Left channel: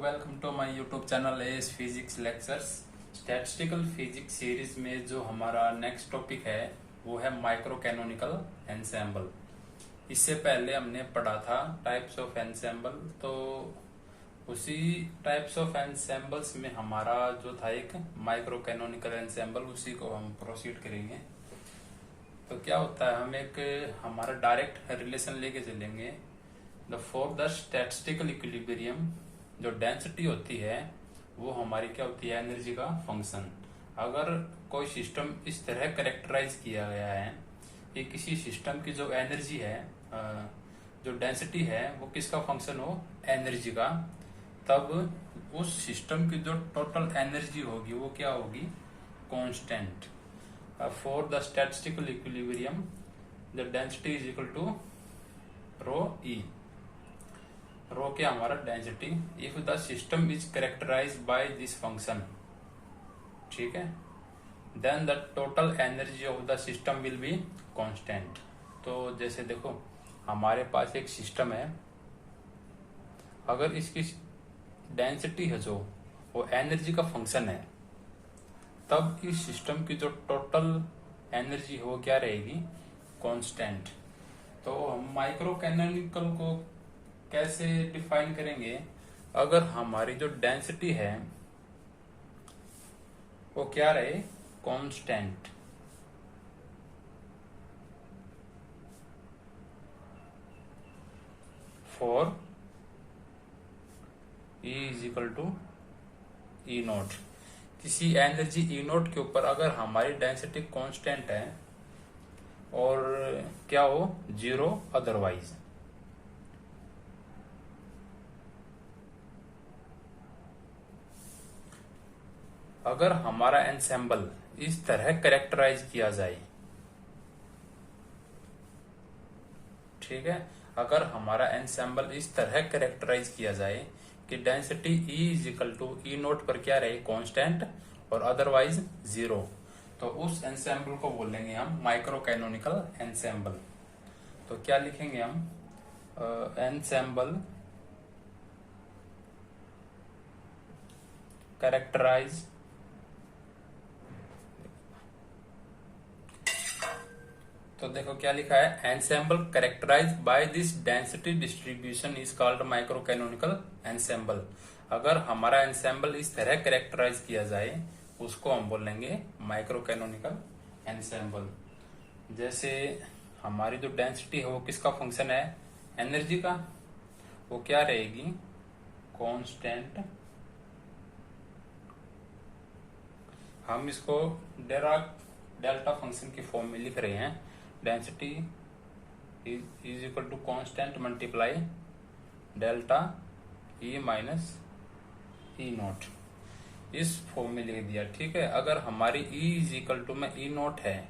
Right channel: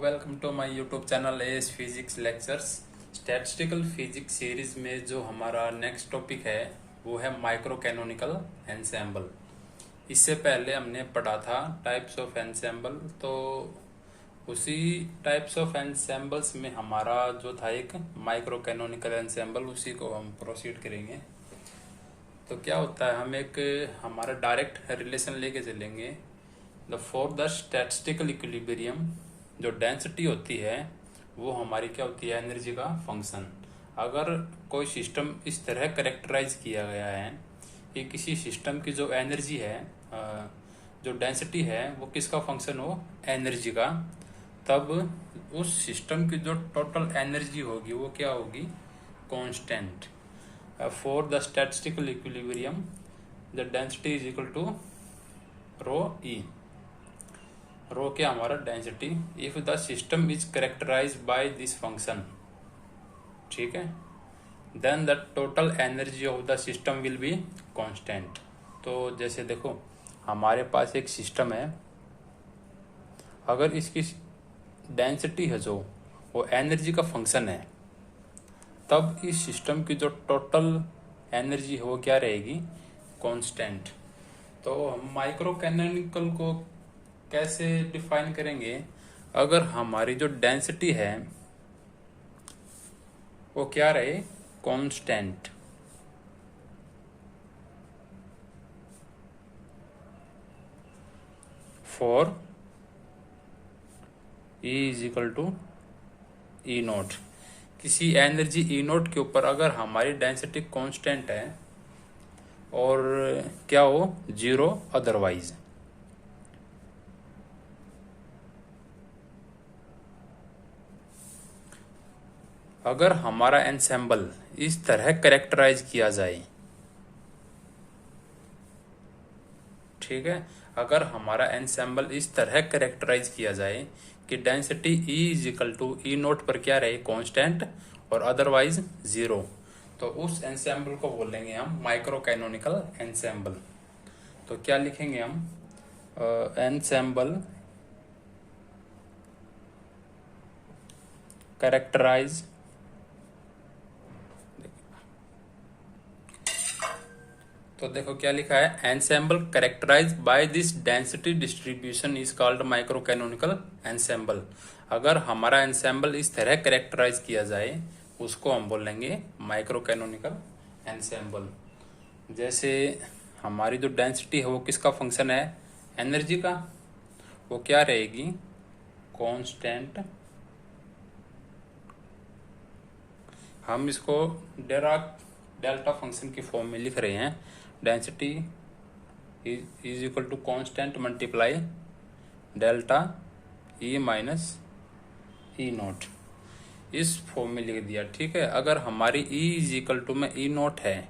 Welcome to my YouTube channel S physics lectures. Statistical physics series में जो हमारा next topic है वो है माइक्रो कैनोनिकल एंसेंबल। इससे पहले हमने पढ़ा था टाइप्स ऑफ एंसेंबल, तो उसी टाइप्स ऑफ एंसेंबल्स में हमारा जो था एक माइक्रो कैनोनिकल एंसेंबल, उसी को हम प्रोसीड करेंगे। तो क्या होता है, हम एक हमारा डायरेक्ट रिलेशन लेके चलेंगे। फॉर द स्टैटिस्टिकल इक्विलिब्रियम जो डेंसिटी होती है वो हमारी क्या होती है, एनर्जी का फंक्शन। अगर कोई सिस्टम इस तरह करेक्टराइज किया गया है कि किसी सिस्टम की जो एनर्जी है, जो डेंसिटी है, वो किसका फंक्शन हो, एनर्जी का, तब उस सिस्टम की जो टोटल एनर्जी होगी वो क्या होगी, constant. For the statistical equilibrium the density is equal to rho E. Rho क्या हमारा density, if the system is characterize by this function, ठीक है, then the total energy of the system will be constant. तो जैसे देखो, हमारे पास एक system है, अगर इसकी डेंसिटी है जो वो एनर्जी का फंक्शन है, तब इस सिस्टम की जो टोटल एनर्जी है वो क्या रहेगी, कांस्टेंट। तो हम माइक्रो कैनोनिकल को कैसे डिफाइन करेंगे, अगर हमारी जो डेंसिटी है वो क्या रहे, constant, for E is equal to E naught. किसी एनर्जी ई नोट के ऊपर अगर हमारी डेंसिटी कांस्टेंट है और क्या हो, जीरो अदरवाइज। अगर हमारा एंसेंबल इस तरह करेक्टराइज किया जाए, ठीक है, अगर हमारा एंसेंबल इस तरह करेक्टराइज किया जाए कि density E is equal to E naught पर क्या रहे, कांस्टेंट, और अदरवाइज जीरो, तो उस एंसेंबल को बोलेंगे हम माइक्रो कैनोनिकल एंसेंबल। तो क्या लिखेंगे हम, एंसेंबल कैरेक्टराइज, तो देखो क्या लिखा है, ensemble characterize by this density distribution is called micro canonical ensemble. अगर हमारा एंसेंबल इस तरह कैरेक्टराइज किया जाए उसको हम बोलेंगे माइक्रो कैनोनिकल एंसेंबल। जैसे हमारी जो डेंसिटी है वो किसका फंक्शन है, एनर्जी का, वो क्या रहेगी, कांस्टेंट। हम इसको डिराक डेल्टा फंक्शन की फॉर्म में लिख रहे हैं, density is equal to constant multiply delta E minus E naught, इस फॉर्म में लिख दिया, ठीक है। अगर हमारी E इज इक्वल टू में ई नोट है,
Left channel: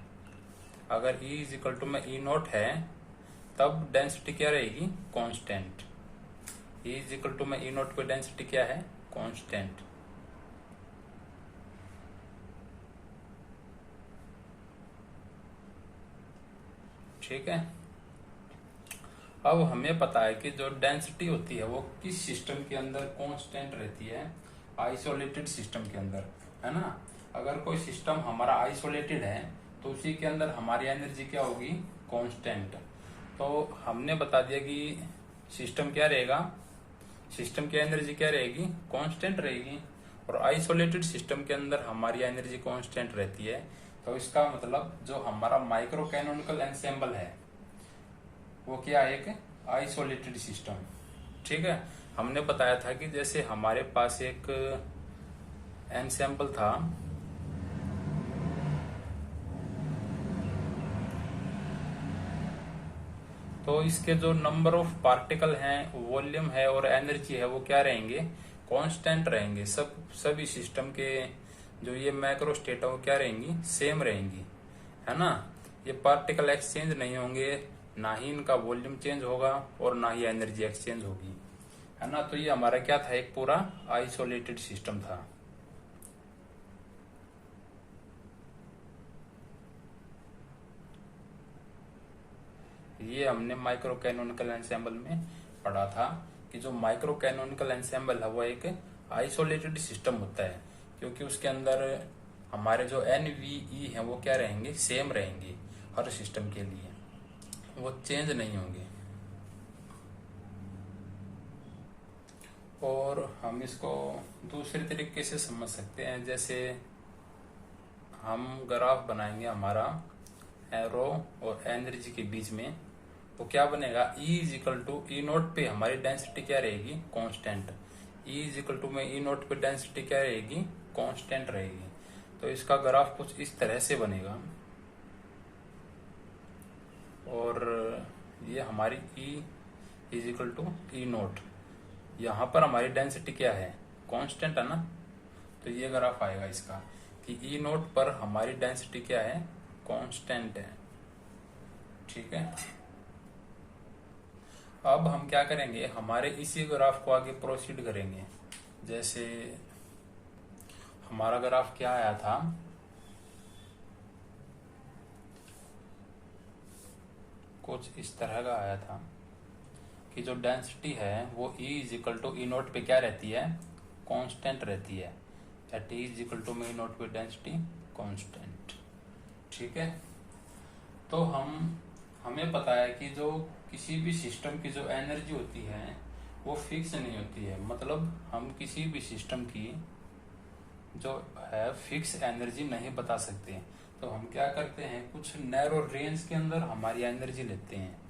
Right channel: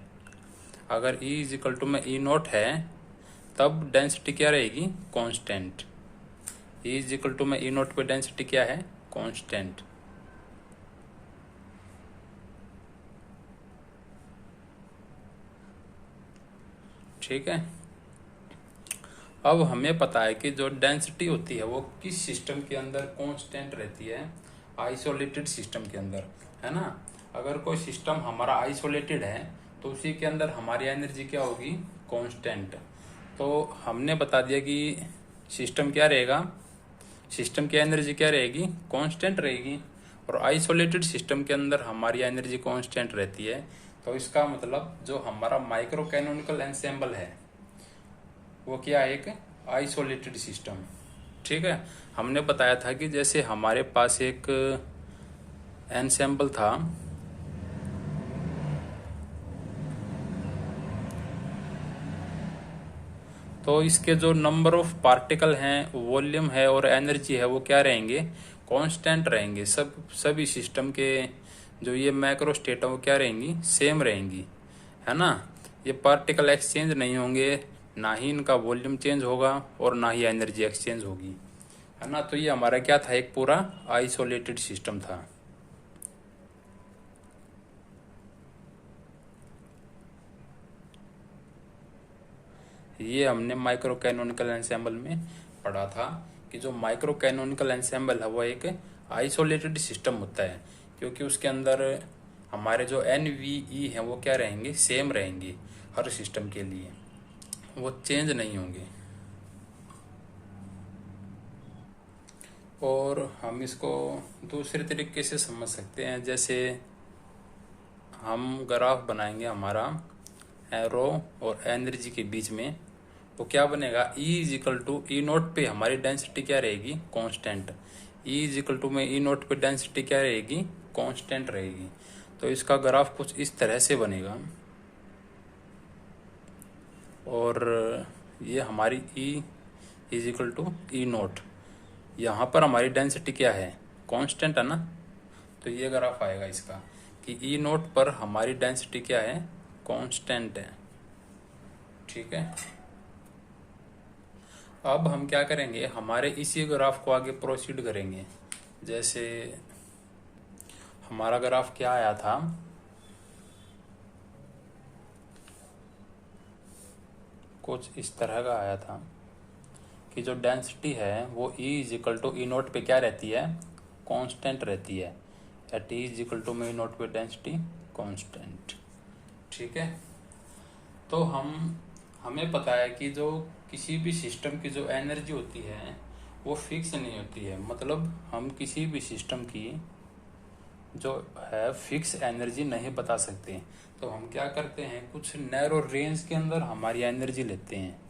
अगर E इज इक्वल टू में ई नोट है, तब डेंसिटी क्या रहेगी, constant. E is equal to में ई नोट पे डेंसिटी क्या है, कांस्टेंट। ठीक है। अब हमें पता है कि जो डेंसिटी होती है वो किस सिस्टम के अंदर कांस्टेंट रहती है, आइसोलेटेड सिस्टम के अंदर, है ना। अगर कोई सिस्टम हमारा आइसोलेटेड है तो उसी के अंदर हमारी एनर्जी क्या होगी, कांस्टेंट। तो हमने बता दिया कि सिस्टम क्या रहेगा, सिस्टम की एनर्जी क्या रहेगी, कांस्टेंट रहेगी, और आइसोलेटेड सिस्टम के अंदर हमारी एनर्जी कांस्टेंट रहती है। तो इसका मतलब जो हमारा माइक्रो कैनोनिकल एंसेंबल है वो क्या है, एक आइसोलेटेड सिस्टम, ठीक है। हमने बताया था कि जैसे हमारे पास एक एंसेंबल था, तो इसके जो नंबर ऑफ पार्टिकल हैं, वॉल्यूम है और एनर्जी है वो क्या रहेंगे, कांस्टेंट रहेंगे। सभी सिस्टम के जो ये मैक्रो स्टेट है वो क्या रहेंगी, सेम रहेंगी, है ना। ये पार्टिकल एक्सचेंज नहीं होंगे, ना ही इनका वॉल्यूम चेंज होगा और ना ही एनर्जी एक्सचेंज होगी, है ना। तो ये हमारा क्या था, एक पूरा आइसोलेटेड सिस्टम था। ये हमने माइक्रो कैनोनिकल एंसेंबल में पढ़ा था कि जो माइक्रो कैनोनिकल एंसेंबल है वो एक आइसोलेटेड सिस्टम होता है, क्योंकि उसके अंदर हमारे जो NVE हैं वो क्या रहेंगे, सेम रहेंगे हर सिस्टम के लिए, वो चेंज नहीं होंगे। और हम इसको दूसरे तरीके से समझ सकते हैं, जैसे हम ग्राफ बनाएंगे हमारा एरो और एनर्जी के बीच में, तो क्या बनेगा, E is equal to E naught पे हमारी डेंसिटी क्या रहेगी, constant. E is equal to में ई नोट पे डेंसिटी क्या रहेगी, कांस्टेंट रहेगी। तो इसका ग्राफ कुछ इस तरह से बनेगा, और ये हमारी E is equal to E naught, यहाँ पर हमारी डेंसिटी क्या है, कांस्टेंट है ना, तो ये ग्राफ आएगा इसका कि ई नोट पर हमारी डेंसिटी क्या है, कांस्टेंट है। ठीक है, अब हम क्या करेंगे, हमारे इसी ग्राफ को आगे प्रोसीड करेंगे। जैसे हमारा ग्राफ क्या आया था, कुछ इस तरह का आया था कि जो डेंसिटी है वो E is equal to E naught पे क्या रहती है, कांस्टेंट रहती है। At E is equal to में ई नोट पे डेंसिटी कांस्टेंट। ठीक है, तो हमें पता है कि जो किसी भी सिस्टम की जो एनर्जी होती है वो फिक्स नहीं होती है, मतलब हम किसी भी सिस्टम की जो है फिक्स एनर्जी नहीं बता सकते। तो हम क्या करते हैं, कुछ नैरो रेंज के अंदर हमारी एनर्जी लेते हैं।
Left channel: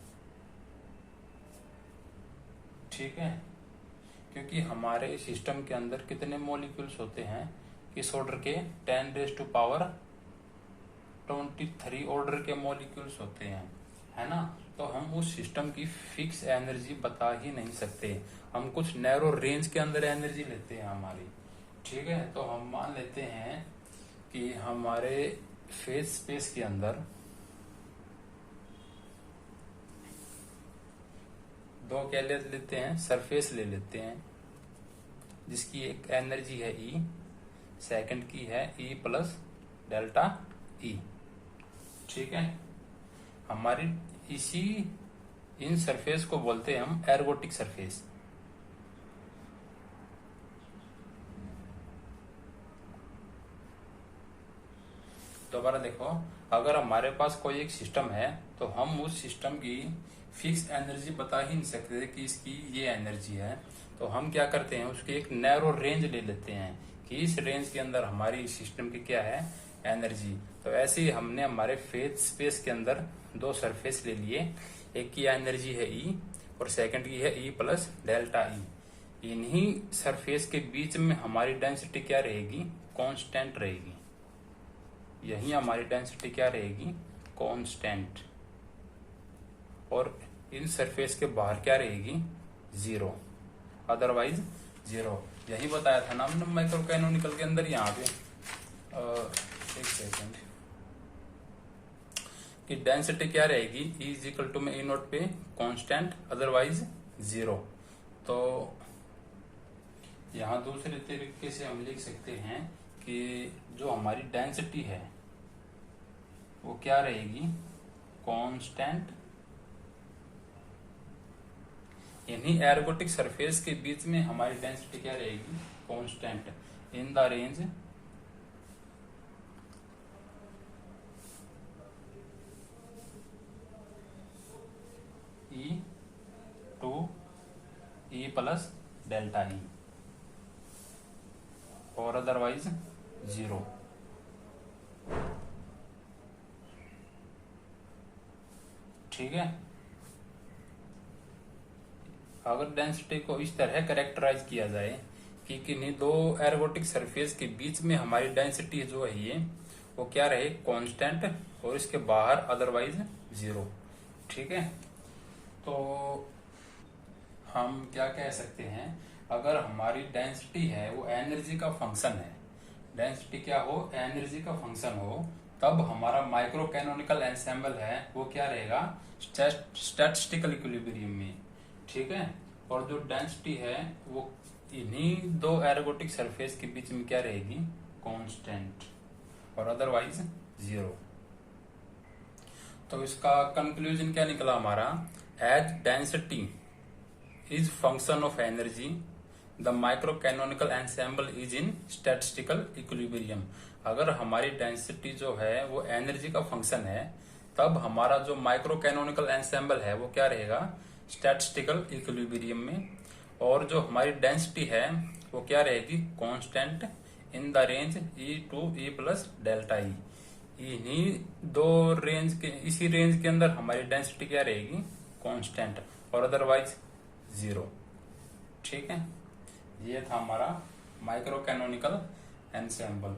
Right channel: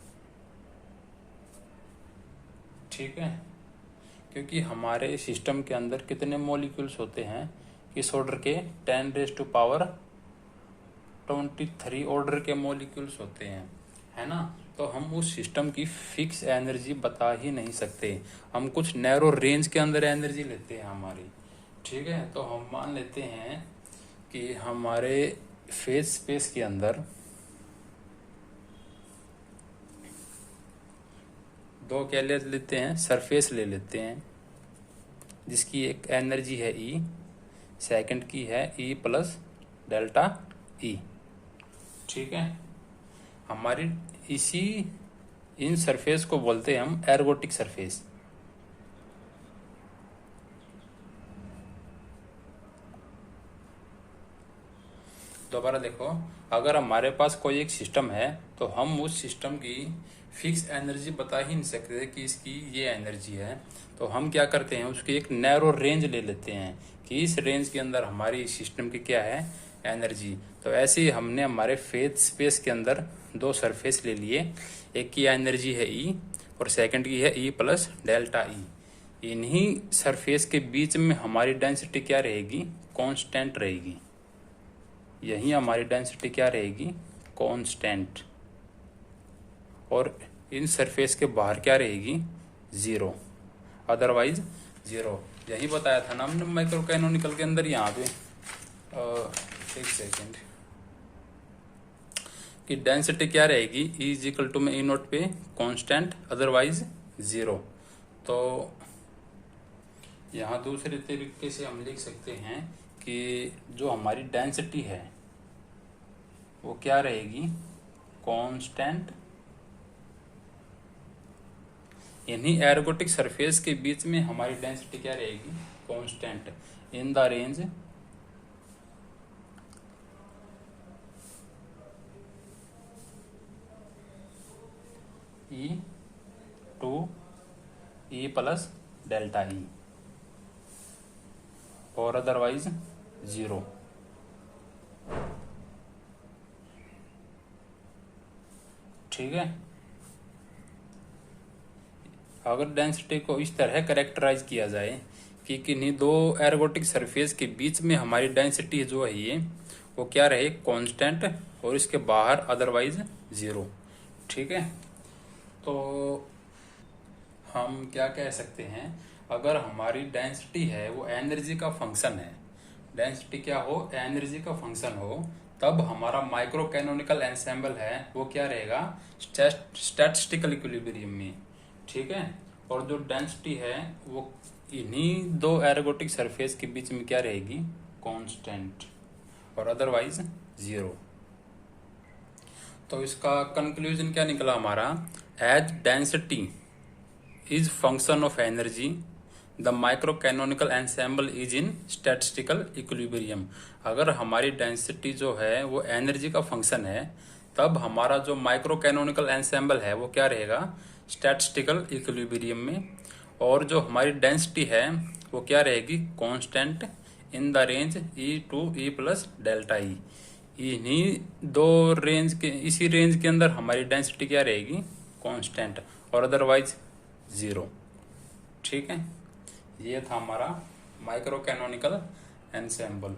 ठीक है, क्योंकि हमारे सिस्टम के अंदर कितने मॉलिक्यूल्स होते हैं, किस ऑर्डर के, 10⁻23 ऑर्डर के मॉलिक्यूल्स होते हैं, है ना। तो हम उस सिस्टम की फिक्स एनर्जी बता ही नहीं सकते, हम कुछ नैरो रेंज के अंदर एनर्जी लेते हैं हमारी। ठीक है, तो हम मान लेते हैं कि हमारे फेज स्पेस के अंदर दो क्या ले लेते हैं, सरफेस ले लेते हैं, जिसकी एक एनर्जी है E, सेकंड की है E प्लस डेल्टा E। ठीक है, हमारी इसी इन सरफेस को बोलते हैं हम एर्गोटिक सरफेस। दोबारा देखो, अगर हमारे पास कोई एक सिस्टम है तो हम उस सिस्टम की फिक्स एनर्जी बता ही नहीं सकते कि इसकी ये एनर्जी है, तो हम क्या करते हैं, उसकी एक नैरो रेंज ले लेते हैं कि इस रेंज के अंदर हमारी सिस्टम की क्या है, एनर्जी। तो ऐसे ही हमने हमारे फेज स्पेस के अंदर दो सरफेस ले लिए, एक की एनर्जी है E और सेकंड की है E प्लस डेल्टा E। इन्हीं सरफेस के बीच में हमारी डेंसिटी क्या रहेगी, कांस्टेंट रहेगी। यही हमारी डेंसिटी क्या रहेगी, कांस्टेंट। और इन सरफेस के बाहर क्या रहेगी, जीरो, अदरवाइज जीरो। यही बताया था ना हमने माइक्रो कैनोनिकल के अंदर, यहाँ पे एक सेकेंड, कि डेंसिटी क्या रहेगी, E इज इक्वल टू में ई नोट पे कांस्टेंट, अदरवाइज जीरो। तो यहाँ दूसरे तरीके से हम लिख सकते हैं कि जो हमारी डेंसिटी है वो क्या रहेगी, कांस्टेंट। इन्हीं एर्गोटिक सरफेस के बीच में हमारी डेंसिटी क्या रहेगी, constant, in the range E to E plus delta E, और अदरवाइज जीरो। ठीक है, अगर डेंसिटी को इस तरह कैरेक्टराइज किया जाए कि किन्हीं दो एर्गोटिक सरफेस के बीच में हमारी डेंसिटी जो है ये वो क्या रहे, कांस्टेंट, और इसके बाहर अदरवाइज जीरो। ठीक है, तो हम क्या कह सकते हैं, अगर हमारी डेंसिटी है वो एनर्जी का फंक्शन है, डेंसिटी क्या हो, एनर्जी का फंक्शन हो, तब हमारा माइक्रो कैनोनिकल एंसेंबल है वो क्या रहेगा, स्टैटिस्टिकल इक्विलिब्रियम में। ठीक है, और जो डेंसिटी है वो इन्हीं दो एर्गोटिक सरफेस के बीच में क्या रहेगी, कांस्टेंट, और अदरवाइज जीरो। तो इसका कंक्लूजन क्या निकला हमारा, as density is function of energy, the micro canonical ensemble is in statistical equilibrium. अगर हमारी डेंसिटी जो है वो एनर्जी का फंक्शन है, तब हमारा जो माइक्रो कैनोनिकल एंसेम्बल है वो क्या रहेगा, स्टैटिस्टिकल इक्विलिब्रियम में। और जो हमारी डेंसिटी है वो क्या रहेगी, constant in the range E to E plus delta E. इन्हीं दो रेंज के, इसी रेंज के अंदर हमारी डेंसिटी क्या रहेगी, कांस्टेंट, और अदरवाइज 0। ठीक है, ये था हमारा माइक्रो कैनोनिकल एंसेम्बल।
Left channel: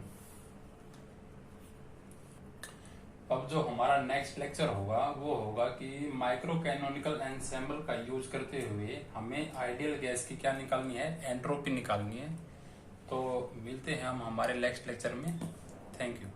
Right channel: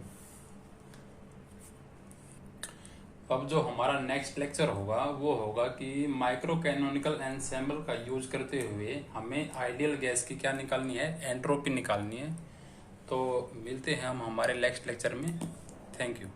अब जो हमारा नेक्स्ट लेक्चर होगा वो होगा कि माइक्रो कैनोनिकल एंसेम्बल का यूज करते हुए हमें आइडियल गैस की क्या निकालनी है, एंट्रोपी निकालनी है। तो मिलते हैं हम हमारे नेक्स्ट लेक्चर में। Thank you.